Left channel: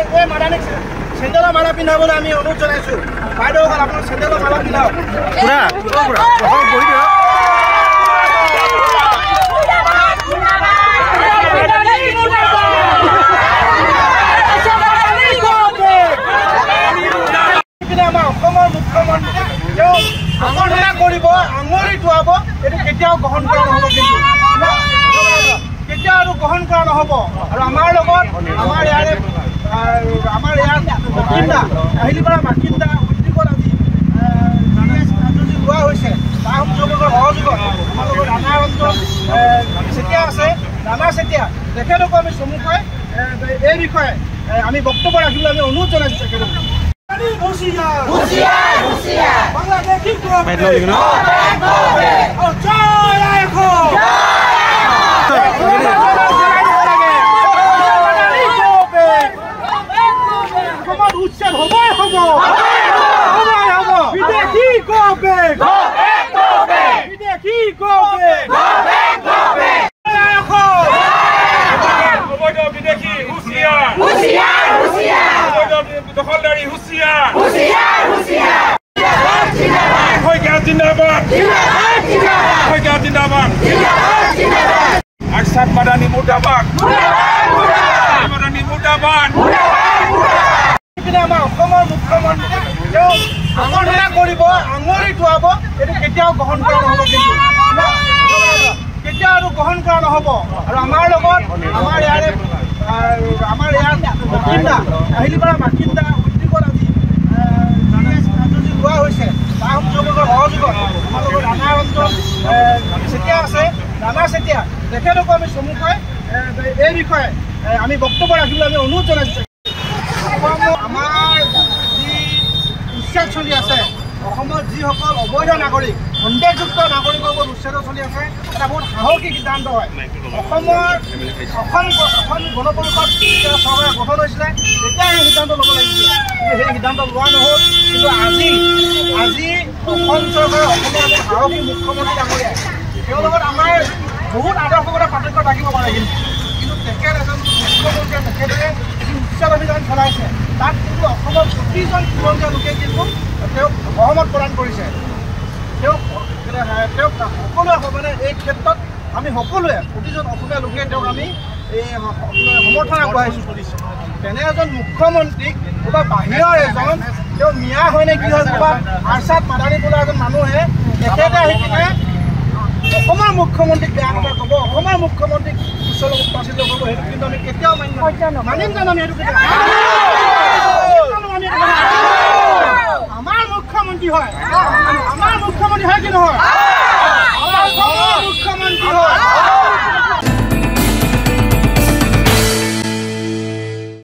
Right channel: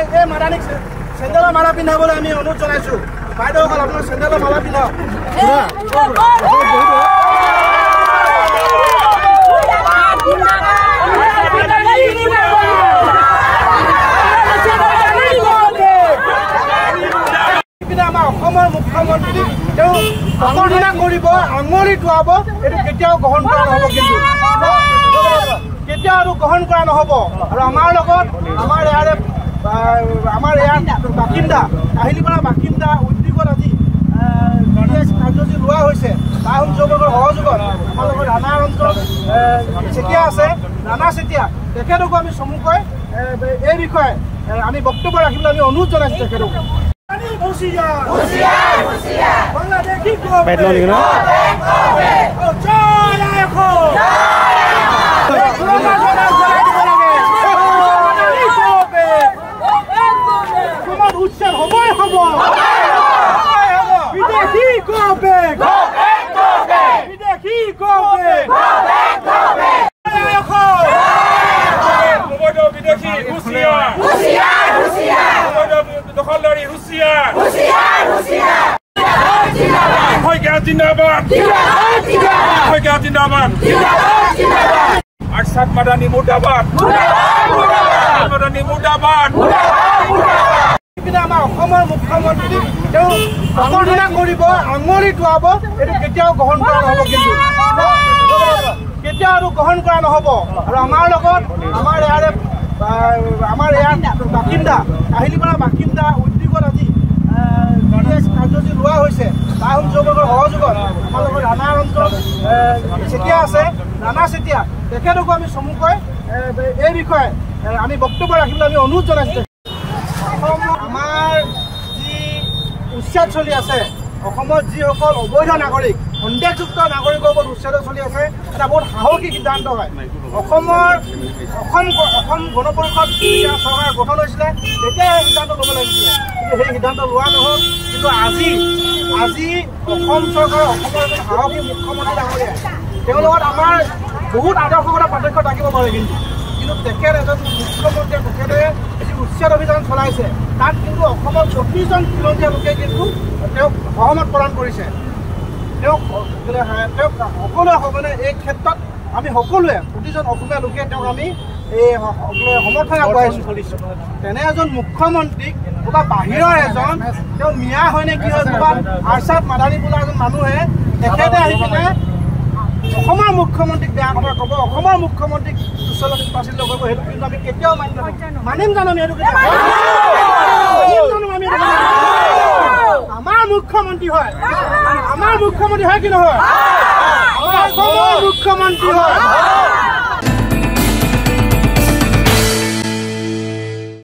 এই মাদানীক চেণ্ডেলৰ মালা পিন্ধাবলৈ আমি অনুৰোধ জনাইছোঁ। বাইদেউসকল আপোনাৰ চেণ্ডেলৰ মালা পিন্ধাওক। বহি দিয়ক। আমাৰ অসমৰ মুখ্যমন্ত্ৰী তেওঁ প্ৰচাৰণা কৰিব, আঙুলি টোৱাব, এইটো কেতিয়াও গ্ৰহণ কৰা নহ'ব। কিন্তু কেতিয়াও আৰু গ্ৰহণ কৰা নহ'ব। আৰু আমাৰ লগত আমাৰ ইয়াৰ বাসিন্দা আহিলিপাৰা বাসিন্দা উদ্যোগত আজি কাৰ্যসূচী লোৱা হৈছে। তাৰ সহযোগত আমাৰ লগত ৰাণা ৰঞ্জন চেতিয়া আছে, ৰাণা চেতিয়া তেখেতকো আমি চমুকৈ এই বিষয়ে আমি বক্তব্য ৰাখিবলৈ আমি অনুৰোধ জনাইছোঁ তেখেতক। উচ্ছেদ হবই হব। বিদেশী গবেগ, বিদেশী গবেগ, অবৈধ বিদেশী হুঁচিয়াৰ, অবৈধ দখলদাৰী হুঁচিয়াৰ, শইকীয়া জিন্দাবাদ, শইকীয়া জিন্দাবাদ, আৰছাদ মাদানী মুৰ্দাবাদ, মাদানী মুৰ্দাবাদ। আমাৰ অসমৰ মুখ্যমন্ত্ৰী তেওঁ প্ৰচাৰণা কৰিব, আঙুলি টোৱাব, এইটো কেতিয়াও গ্ৰহণ কৰা নহ'ব। কিন্তু কেতিয়াও আৰু গ্ৰহণ কৰা নহ'ব। আৰু আমাৰ লগত আমাৰ ইয়াৰ বাসিন্দা আহিলিপাৰা বাসিন্দা উদ্যোগত আজি কাৰ্যসূচী লোৱা হৈছে। তাৰ সহযোগত আমাৰ লগত ৰাণা ৰঞ্জন চেতিয়া আছে, ৰাণা চেতিয়া তেখেতকো আমি চমুকৈ এই বিষয়ে আমি বক্তব্য ৰাখিবলৈ আমি অনুৰোধ জনাইছোঁ। আমাৰ যি উচ্ছেদ চলি আছে, অসমৰ যিসকল অবৈধ নাগৰিক, সন্দেহযুক্ত নাগৰিকৰ ওপৰত উচ্ছেদ চলি আছে, এটা বহুত সাহসী সিদ্ধান্ত হয়। অসম গণ পৰিষদ যেতিয়া চৰকাৰে গঠন হৈছিলে তেতিয়া সেই সিদ্ধান্ত ল'ব লাগিছিলে, কিন্তু সেই সিদ্ধান্ত লোৱা নহ'ল। কিন্তু আজি অসম চৰকাৰে অসমৰ এজন সাহসী মুখ্যমন্ত্ৰী ডাঙৰীয়াই তেওঁৰ লগত আমাৰ বহুত আদৰ্শগত পাৰ্থক্য থাকিব পাৰে। কিন্তু তেখেত এজন মুখ্যমন্ত্ৰীয়ে তেখেতে যি উচ্ছেদ অভিযান চলাইছে তাত কিন্তু অসমৰ প্ৰতিজন খিলঞ্জীয়া লোকে কিন্তু তেওঁক সহমত প্ৰদান কৰিছে। তেওঁক সকলোৱে মানে এই ক্ষেত্ৰত আমি সকলোৱে প্ৰতিজন অসমীয়া লোকে তেওঁক আমি এই সমৰ্থন আগবঢ়াইছোঁ কৰিছোঁ। তেনে এজন মুখ্যমন্ত্ৰীক ক'ৰবাত বাহিৰৰ এজন তেওঁ মিয়া হয় নে কি হয়, ক'ৰবাত আৰছাদ মাদানী বোলা এজন মানুহে তেখেতে আহি পিনে অসমৰ মুখ্যমন্ত্ৰীক বেয়া কথা ক'ব, অসমৰ মুখ্যমন্ত্ৰীক উচ্চতাচিত কৰিব, সেইটো কিন্তু আমি কেতিয়াও মানিম জানো? আমি সেইটো কেতিয়াও আমাৰ মুখ্যমন্ত্ৰী হয়, আমাৰ মুখ্যমন্ত্ৰী হয় কি নহয়? আমাৰ অসমৰ মুখ্যমন্ত্ৰী হয়।